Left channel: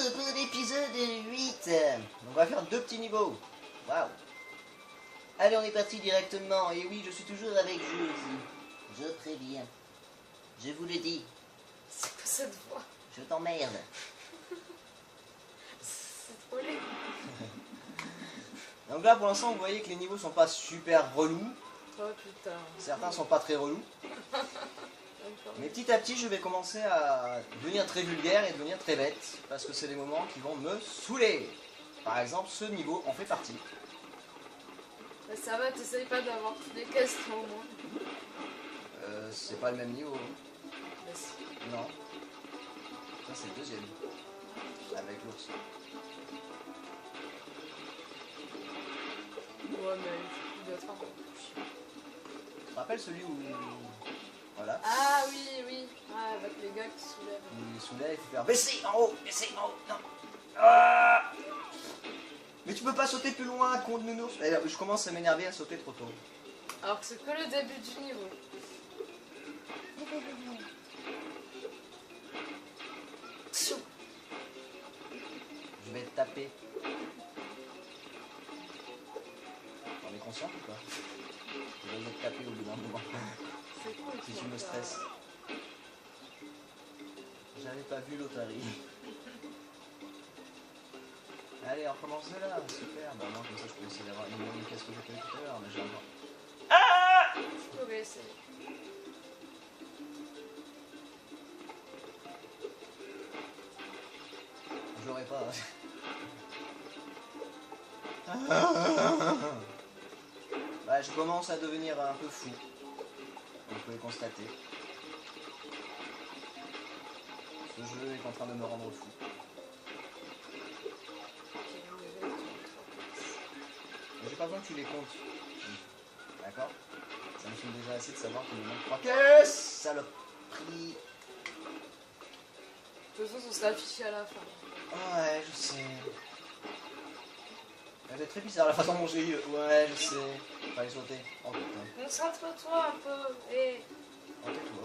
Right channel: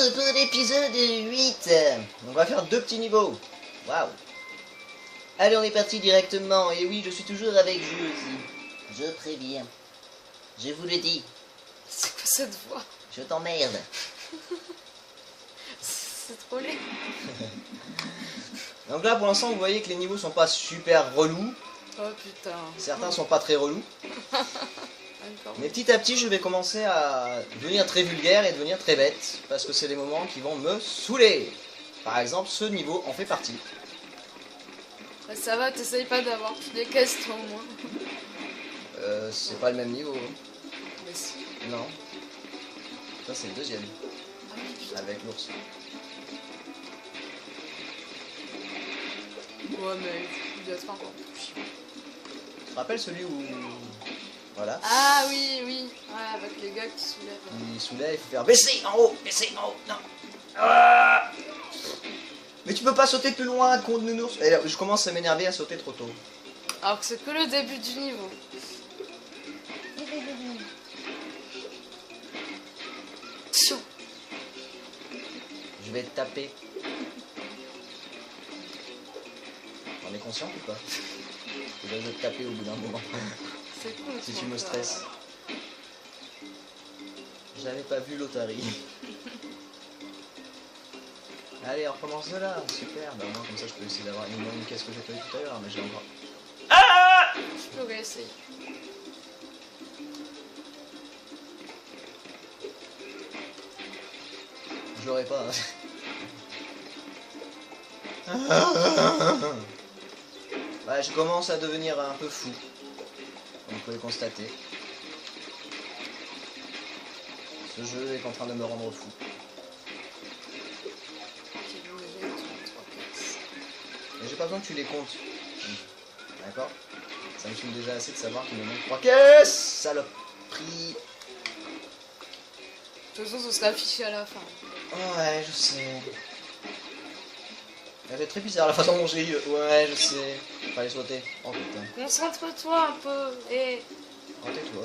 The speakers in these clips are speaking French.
tout pour l'épisode 8. On va faire 2 petits niveaux. Waouh. Allez, on est parti directement. Et oui, je suis toujours avec vous aussi. Je préviens. Je vous le dis. C'est quoi cette voix? Je t'emmerde. C'est trop laid. Donc là, pour l'instant, vous voyez que les niveaux sont pas super relous. Oh putain. Certains sont pas très relous. Encore. Mais petit à petit, je vais commencer à devenir très vulgaire et devenir très bête. Parce que c'est les moments qui vont me saouler. Par exemple, ce niveau en fait partie. Bah, ça va, t'essayes pas d'avoir toutes les caisses toi au moins. C'est pas le même niveau. Mais si. Non. Ça, c'est le deuxième. Ah oui, putain. Avec l'ours. Ouais, mais il doit être encore plus chiant. Tu te rappelles celui où... Voilà. Ah oui, oui. Ouais, avec les gars qui soulèvent. Il soulève, il faut faire baisser en haut, non. Ah, mais tu peux pas sauter plus loin, con de nounours. Et là, je commence à m'énerver à sauter trop tôt. Alors que c'est que le début du niveau. Attention. Je vais te taper. On est conscient ou pas? Je vais te taper au bout d'un moment. C'est cool. Si toi, tu me ça. stresses. J'avais pas vu l'otarie. Allez, on recommence de là. Super. Bah, au moins, comme ça, je peux essayer d'avoir une moins caisse que j'ai pas eu tout à l'heure. Mais j'ai encore. Ah! Je pourrais essayer. Je l'aurais pas. Ouais, je commence à devenir un peu fou. Comme vous pouvez le constater. Ce jeu est en train de me rendre fou. Ok, bon, déjà, il te manque 3 caisses. Mais j'ai pas besoin que tu les comptes. D'accord? Ça me saoule déjà assez de savoir qu'il me manque 3 caisses. Saloperie. De toute façon, ce sera affiché à la fin. Ouais, je sais. C'est très bizarre la façon dont j'ai eu. Ouais, je sais. Fallait sauter. Oh putain. Concentre-toi un peu. Et Oh, tais-toi.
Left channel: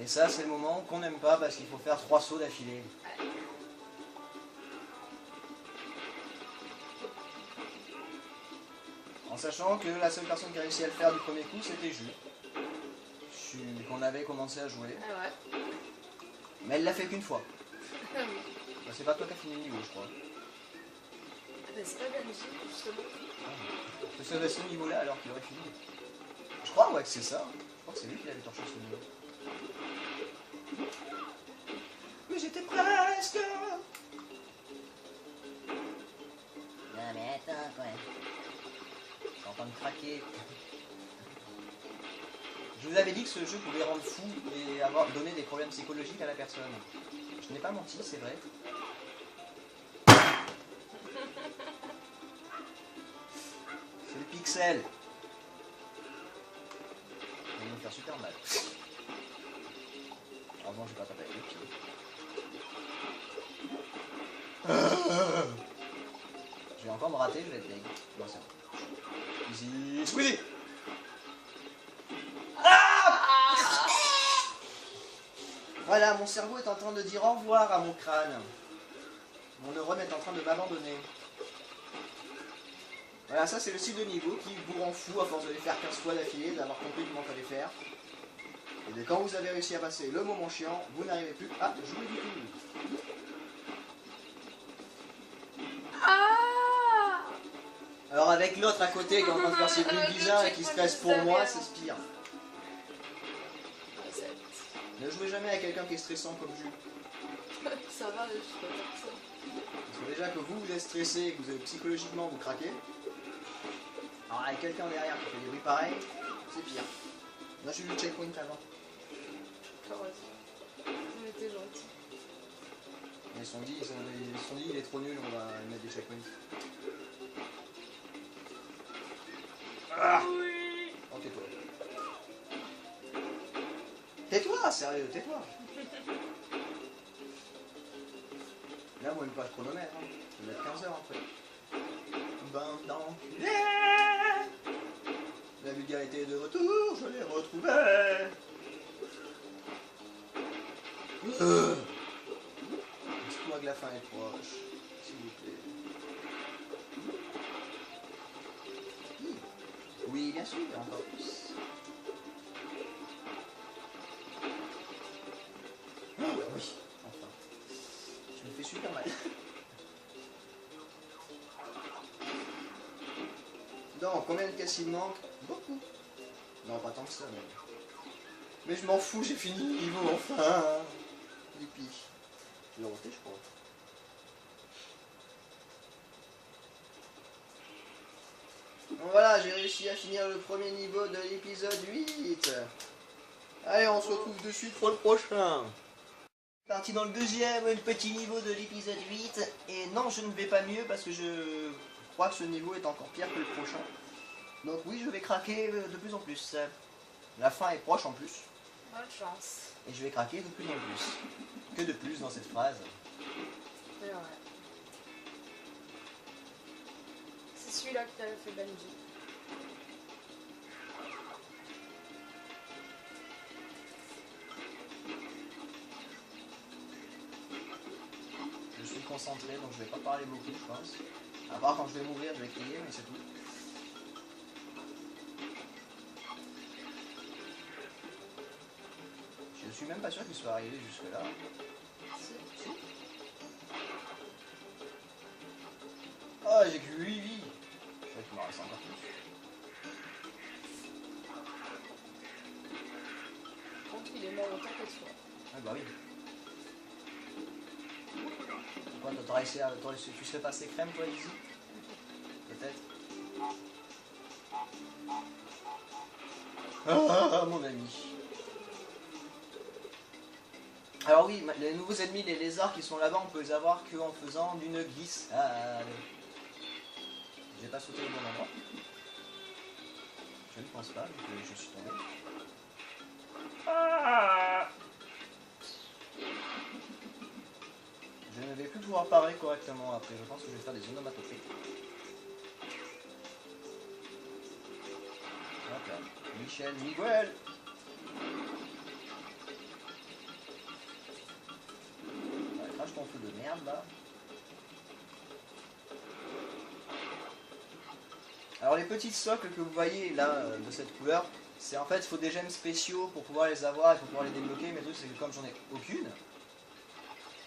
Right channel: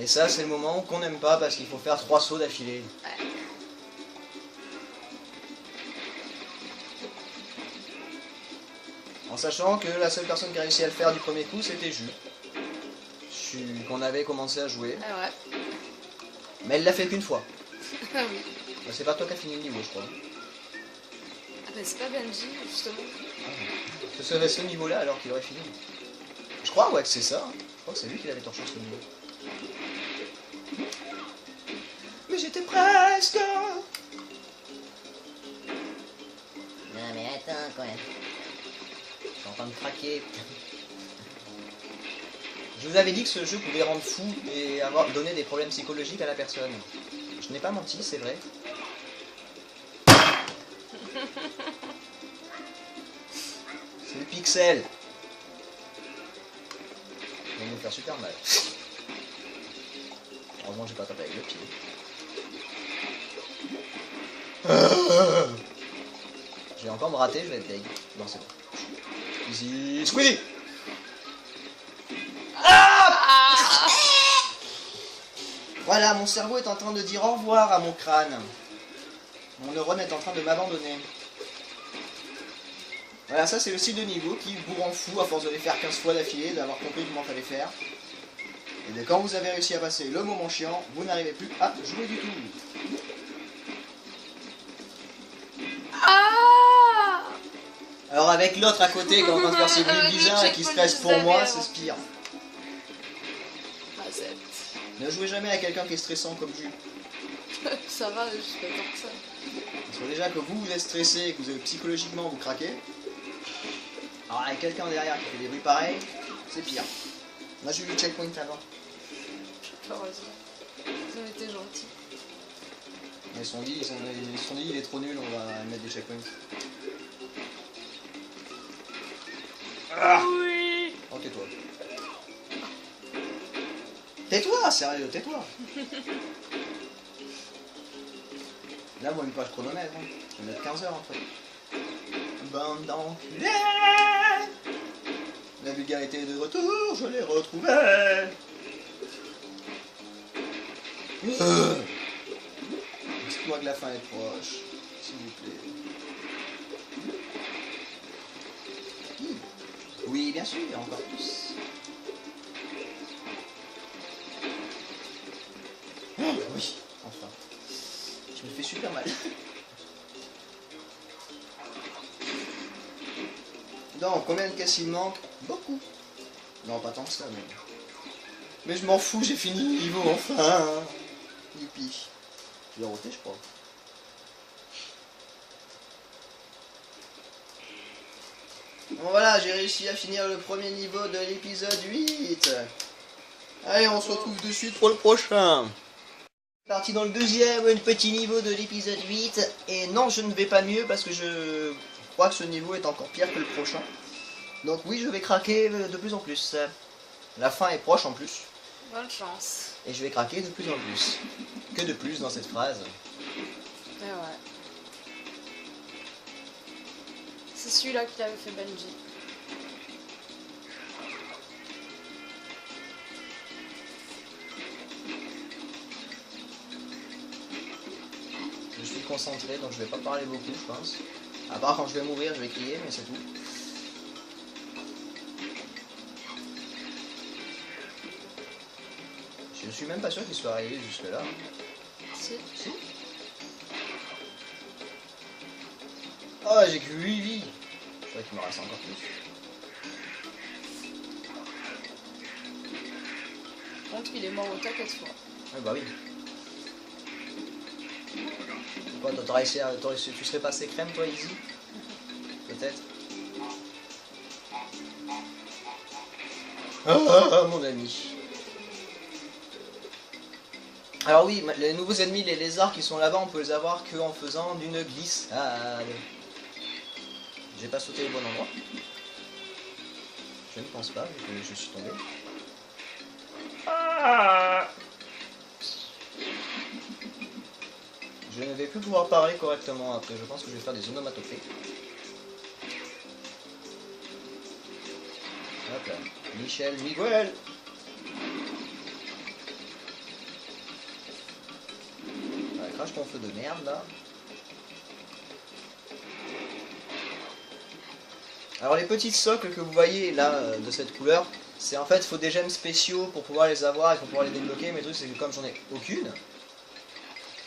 Et ça, c'est le moment qu'on n'aime pas parce qu'il faut faire 3 sauts d'affilée. ouais. En sachant que la seule personne qui a réussi à le faire du premier coup, c'était Jus. Qu'on avait commencé à jouer. Ah ouais. Mais elle l'a fait qu'une fois. Ah oui. Bah, c'est pas toi qui as fini le niveau, je crois. Ah bah c'est pas Benji, justement. Ce serait ce niveau-là alors qu'il aurait fini. Je crois, ouais, que c'est ça. Je crois que c'est lui qui l'avait torché ce niveau. Mais j'étais presque. Non mais attends quand même. Je suis en train de craquer. Je vous avais dit que ce jeu pouvait rendre fou et donner des problèmes psychologiques à la personne. Je n'ai pas menti, c'est vrai. C'est le pixel. Il va me faire super mal. Heureusement j'ai pas tapé avec le pied. Je vais encore me rater, je vais être deg. Non c'est bon. Easy Squeezie. Ah Voilà, mon cerveau est en train de dire au revoir à mon crâne. Mon neurone est en train de m'abandonner. Voilà, ça c'est le style de niveau qui vous rend fou à force de les faire 15 fois d'affilée, d'avoir compris comment fallait faire. Et dès quand vous avez réussi à passer le moment chiant, vous n'arrivez plus à jouer du tout. Ah Alors avec l'autre à côté qui est en train de faire ses bruits Avec le bizarres et qui checkpoint stresse pour des moi, avions. c'est ce pire. Ah zut. Ne jouez jamais à quelqu'un qui est stressant comme Jus. Ça va, je suis pas tant que ça. Parce que déjà que vous êtes stressé et que vous êtes psychologiquement vous craquez. Alors avec quelqu'un derrière qui fait des bruits pareils, c'est pire. Moi j'ai eu le checkpoint avant. Pas raison. Ils ont été gentils. Ils se sont dit, il est trop nul, on va mettre des checkpoints. Ah Oui. oh tais-toi. Tais-toi, sérieux, tais-toi. Là, moi, une page chronomètre. Hein. Je vais mettre 15 heures après. Bande d'enculés. La vulgarité est de retour, je l'ai retrouvée. Dites-moi que la fin est proche, s'il vous plaît. Oui, bien sûr, encore plus. Oh, oui, enfin. Je me fais super mal. Non, combien de caisses il manque? Beaucoup. Non, pas tant que ça, mais... Mais je m'en fous, j'ai fini le niveau, enfin. Youpi. Je l'ai roté, je crois. Bon voilà, j'ai réussi à finir le premier niveau de l'épisode 8. Allez, on se retrouve de suite pour le prochain. Parti dans le deuxième, le petit niveau de l'épisode 8. Et non, je ne vais pas mieux parce que je crois que ce niveau est encore pire que le prochain. Donc oui, je vais craquer de plus en plus. La fin est proche en plus. Bonne chance. Et je vais craquer de plus en plus. Que de plus dans cette phrase? Et ouais. C'est celui-là qui avait fait Benji. Je suis concentré, donc je vais pas parler beaucoup, je pense. À part quand je vais mourir, je vais crier, mais c'est tout. Je suis même pas sûr qu'il soit arrivé jusque là. Si. Si. Oh, j'ai que 8 vies. Je crois qu'il me reste encore plus. Par contre, il est mort au taquet de fois. Ouais, bah oui. Pourquoi t'aurais essayé, tu serais passé crème, toi, Easy? Peut-être. Ah, mon ami. Alors oui, les nouveaux ennemis, les lézards qui sont là-bas, on peut les avoir qu'en faisant d'une glissade. J'ai pas sauté au bon endroit. Je ne pense pas, vu que je suis tombé. Ah, je ne vais plus pouvoir parler correctement après, je pense que je vais faire des onomatopées. Hop là. Michel Miguel. Ouais, crache ton feu de merde là. Alors les petits socles que vous voyez là de cette couleur, c'est en fait il faut des gemmes spéciaux pour pouvoir les avoir et pour pouvoir les débloquer, mais le truc c'est que comme j'en ai aucune,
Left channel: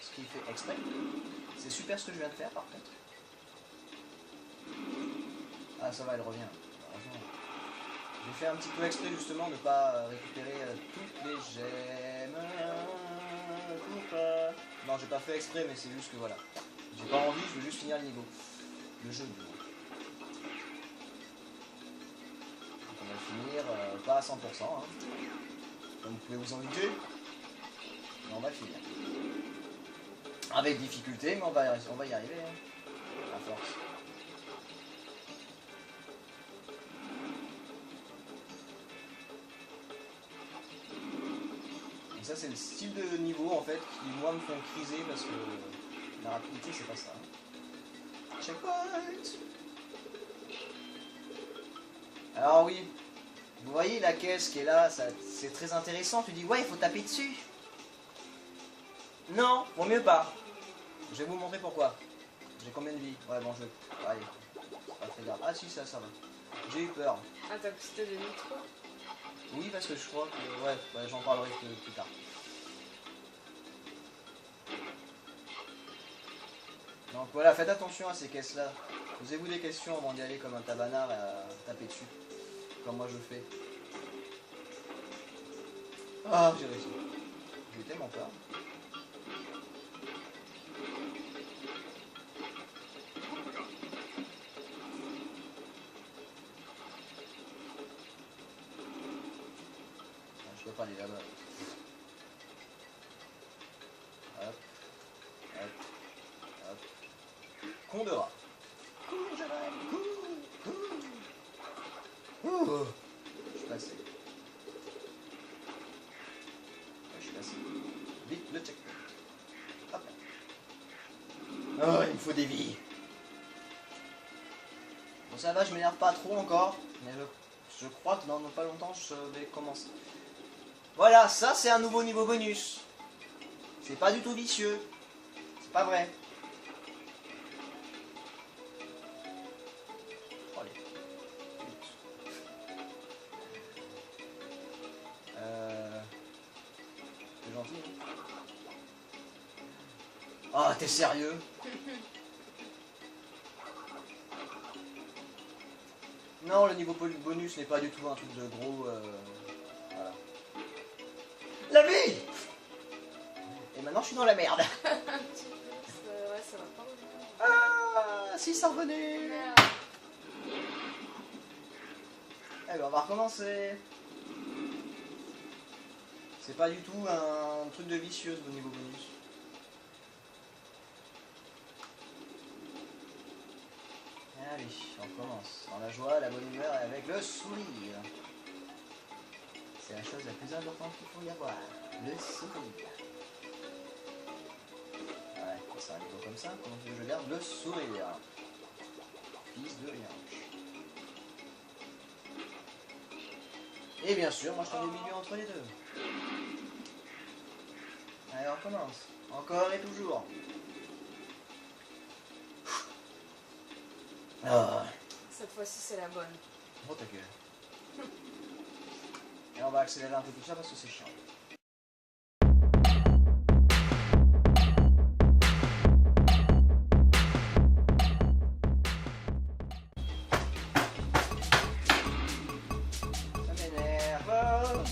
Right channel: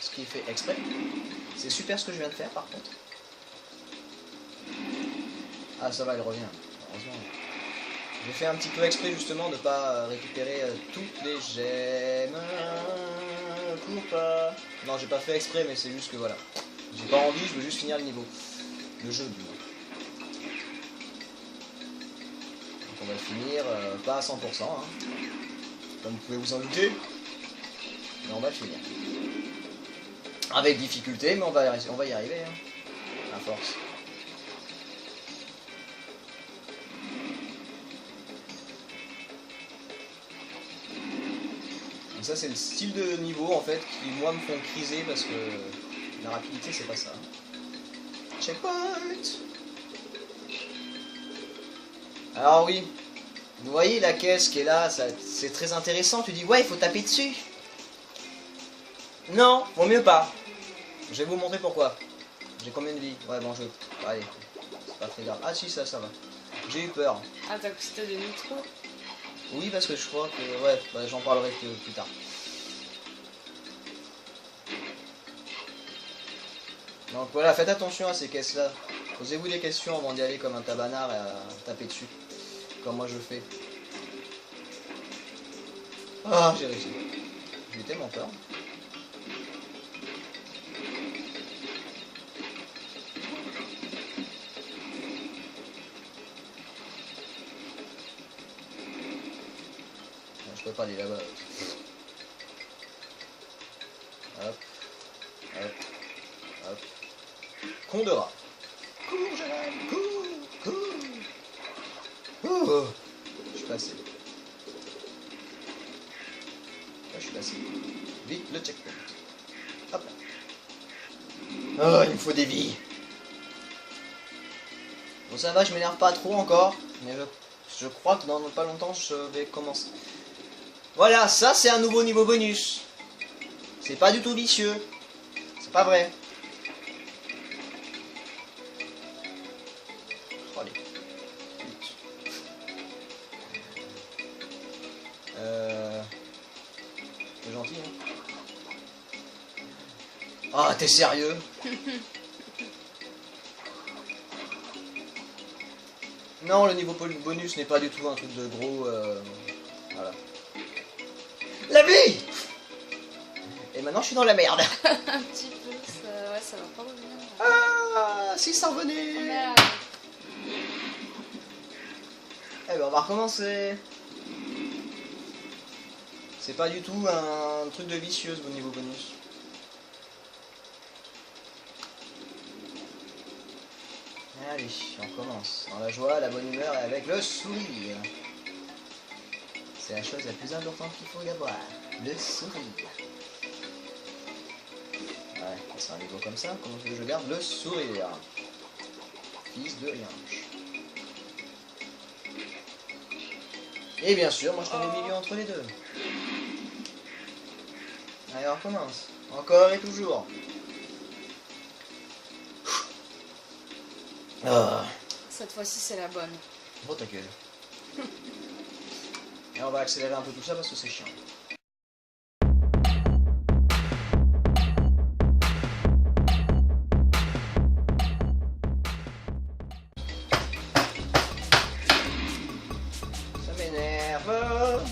ce qui est fait exprès, c'est super ce que je viens de faire par contre. Ah ça va, elle revient, heureusement. J'ai fait un petit peu exprès justement de ne pas récupérer toutes les gemmes pour pas... Non, j'ai pas fait exprès, mais c'est juste que voilà. J'ai pas envie, je veux juste finir le niveau. Le jeu du moins. Donc on va le finir, pas à 100%, hein, comme vous pouvez vous en douter. Mais on va le finir. Avec difficulté, mais on va y arriver, hein, à force. Ça c'est le style de niveau en fait qui moi me font criser parce que la rapidité c'est pas ça. Checkpoint. Alors oui, vous voyez la caisse qui est là, c'est très intéressant, tu dis ouais il faut taper dessus. Non, vaut mieux pas. Je vais vous montrer pourquoi. J'ai combien de vies? Ouais bon je... Allez, c'est pas très grave. Ah si ça va. J'ai eu peur. Ah, t'as cru de nitro? Oui parce que je crois que... Ouais, bah, j'en parlerai plus tard. Donc voilà, faites attention à ces caisses-là. Posez-vous des questions avant d'y aller comme un tabanard et à taper dessus. Comme moi je fais. Ah, j'ai réussi. J'ai eu tellement peur. Non, je peux pas aller là-bas. Hop. Hop. Hop. Con de rat. Cours, Jérémy, cours, cours. Oh, je suis passé. Ouais, je suis passé. Vite, le checkpoint. Hop là. Oh, il me faut des vies. Bon, ça va, je m'énerve pas trop encore. Mais je crois que dans pas longtemps, je vais commencer. Voilà, ça c'est un nouveau niveau bonus. C'est pas du tout vicieux. C'est pas vrai. Oh, les putes. C'est gentil, hein. Ah, t'es sérieux? Non, le niveau bonus n'est pas du tout un truc de gros... Voilà. La vie! Et maintenant, je suis dans la merde. Un petit peu, ça, ouais, ça va pas revenir. Ah, si ça revenait. Oh, merde. Eh ben, on va recommencer. C'est pas du tout un truc de vicieuse au niveau bonus. Allez, on commence. Dans la joie, la bonne humeur et avec le sourire. C'est la chose la plus importante qu'il faut y avoir. Le sourire. Ouais, quand c'est un niveau comme ça, comment tu veux que je garde le sourire? Fils de rien. Et bien sûr, moi je tombe au milieu entre les deux. Allez, on recommence. Encore et toujours. Ah. Cette fois-ci, c'est la bonne. Oh ta gueule. Et on va accélérer un peu tout ça parce que c'est chiant. Ça m'énerve.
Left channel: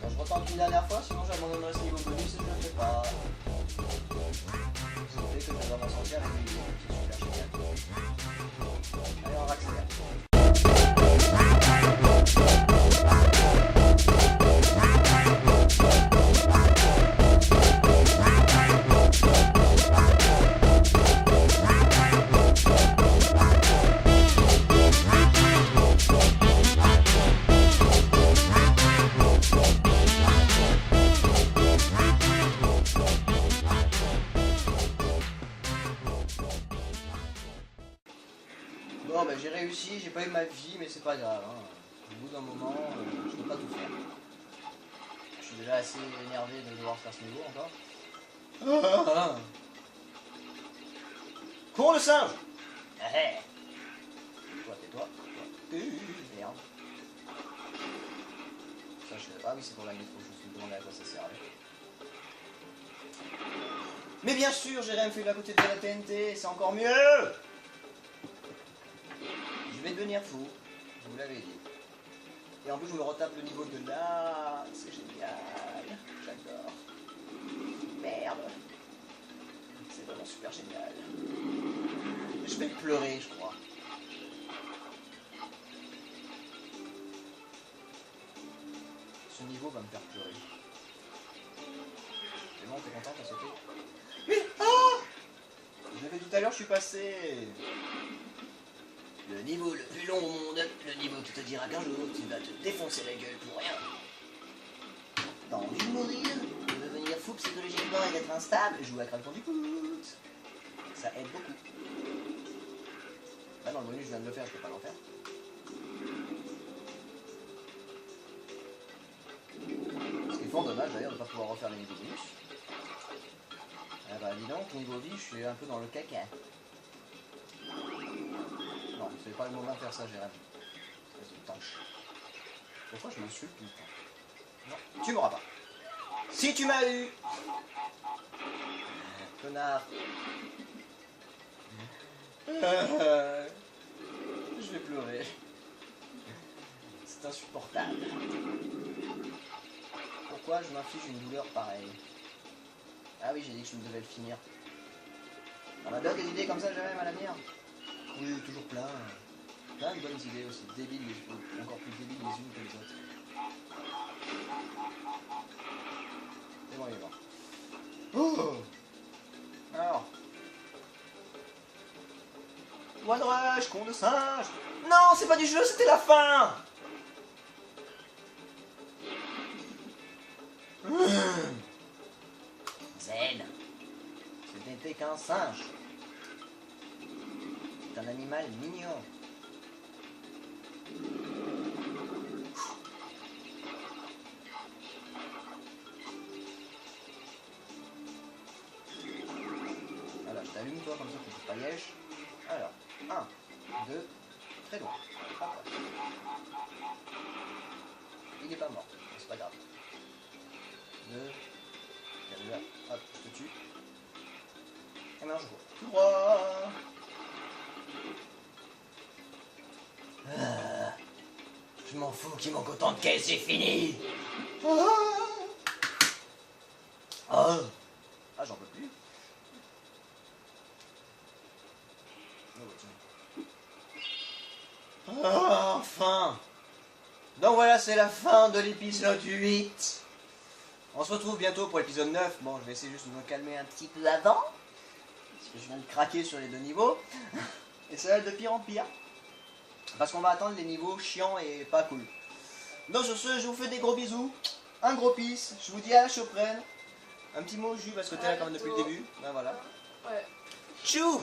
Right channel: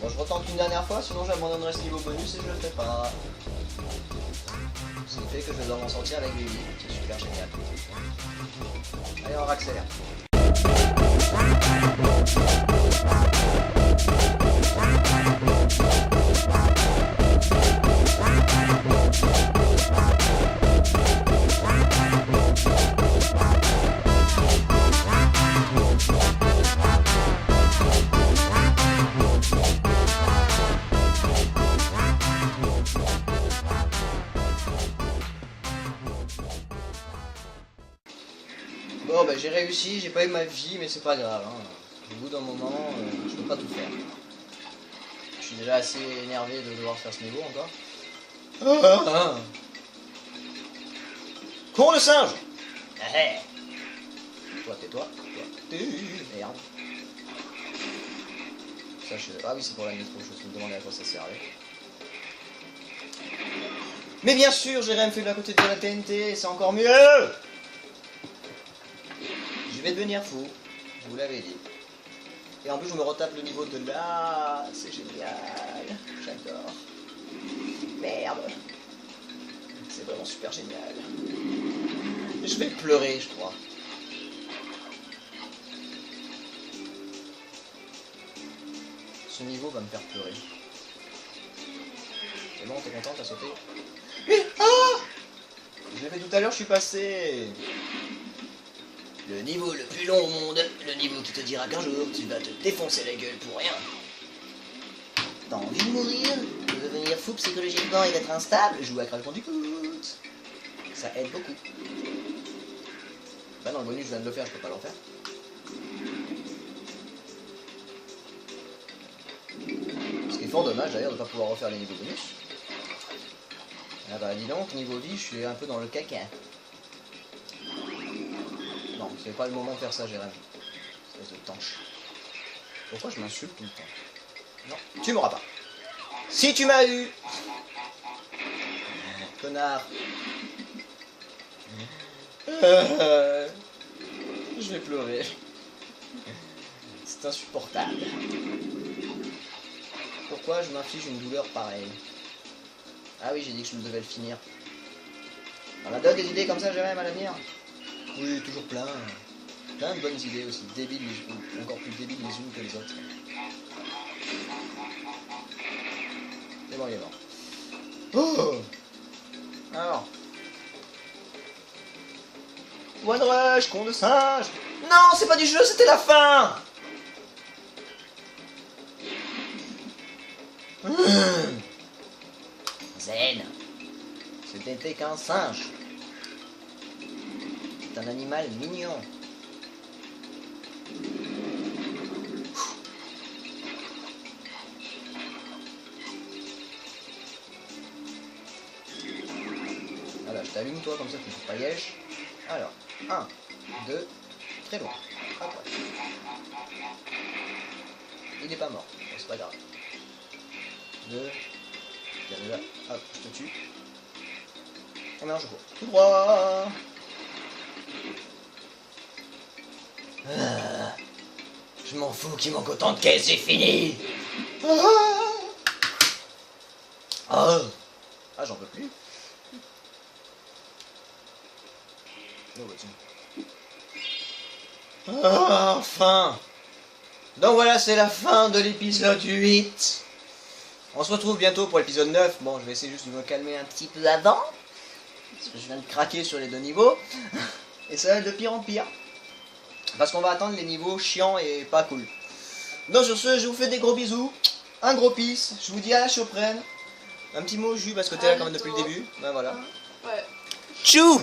Bon, je retente une dernière fois, sinon j'abandonnerai ce niveau bonus et je le fais pas. Ce qui fait que je dois m'en sortir avec des vies, c'est super génial. Allez, on accélère. Bon bah j'ai réussi, j'ai pas eu ma vie mais c'est pas grave, hein. Au bout d'un moment, je peux pas tout faire. Je suis déjà assez énervé de devoir faire ce niveau encore. Ah. Con de singe. Toi tais-toi, toi merde. Ça, ah oui c'est pour la métro, je me demandais à quoi ça servait. Mais bien sûr, Jérém fait de la côté de la TNT, c'est encore mieux. Je vais devenir fou, je vous l'avais dit. Et en plus je me retape le niveau de là, c'est génial, j'adore. Merde, c'est vraiment super génial. Je vais pleurer je crois. Ce niveau va me faire pleurer. C'est bon, t'es content, t'as sauté? Ah! Je l'ai fait tout à l'heure, je suis passé. Le niveau le plus long au monde, le niveau qui te dira qu'un jour tu vas te défoncer la gueule pour rien. T'as envie de mourir? De devenir fou psychologiquement et d'être instable? Joue à Crash Bandicoot. Ça aide beaucoup. Bah non, le bonus je viens de le faire, je peux pas l'en faire. Ce qui est fort dommage d'ailleurs de ne pas pouvoir refaire les niveaux bonus. Ah bah dis donc, niveau vie, je suis un peu dans le caca. Non, c'est pas le moment de faire ça, Jérém. Espèce de tanche. Pourquoi je m'insulte tout le temps? Non, tu m'auras pas. Si tu m'as eu! Connard. Je vais pleurer. C'est insupportable. Pourquoi je m'inflige une douleur pareille? Ah oui, j'ai dit que je devais le finir. On a d'autres des idées comme ça, Jérém, à l'avenir? Oui, toujours plein. Plein de bonnes idées aussi, débiles les unes, encore plus débiles les unes que les autres. C'est bon, il est mort. Oh! Alors. One Rush, con de singe! Non, c'est pas du jeu, c'était la fin! Zen. n'était qu'un singe. C'est un animal mignon. Voilà, je t'allume toi comme ça tu ne fais pas yèche. Alors, 1, 2, très loin. Hop. Il n'est pas mort, c'est pas grave. 2, là, hop, je te tue. Oh merde, je cours. Tout droit. Ah, je m'en fous qu'il manque autant de caisses, j'ai fini. Ah, j'en peux plus. Oh, bah, tiens. Enfin. Donc voilà, c'est la fin de l'épisode 8. On se retrouve bientôt pour l'épisode 9. Bon, je vais essayer juste de me calmer un petit peu avant. Parce que je viens de craquer sur les 2 niveaux. Et ça va être de pire en pire. Parce qu'on va attendre les niveaux chiants et pas cool. Donc sur ce, je vous fais des gros bisous. Un gros peace. Je vous dis à la prochaine. Un petit mot, Jus, parce que t'es là quand même depuis le début. Ben voilà. Ouais. Tchou!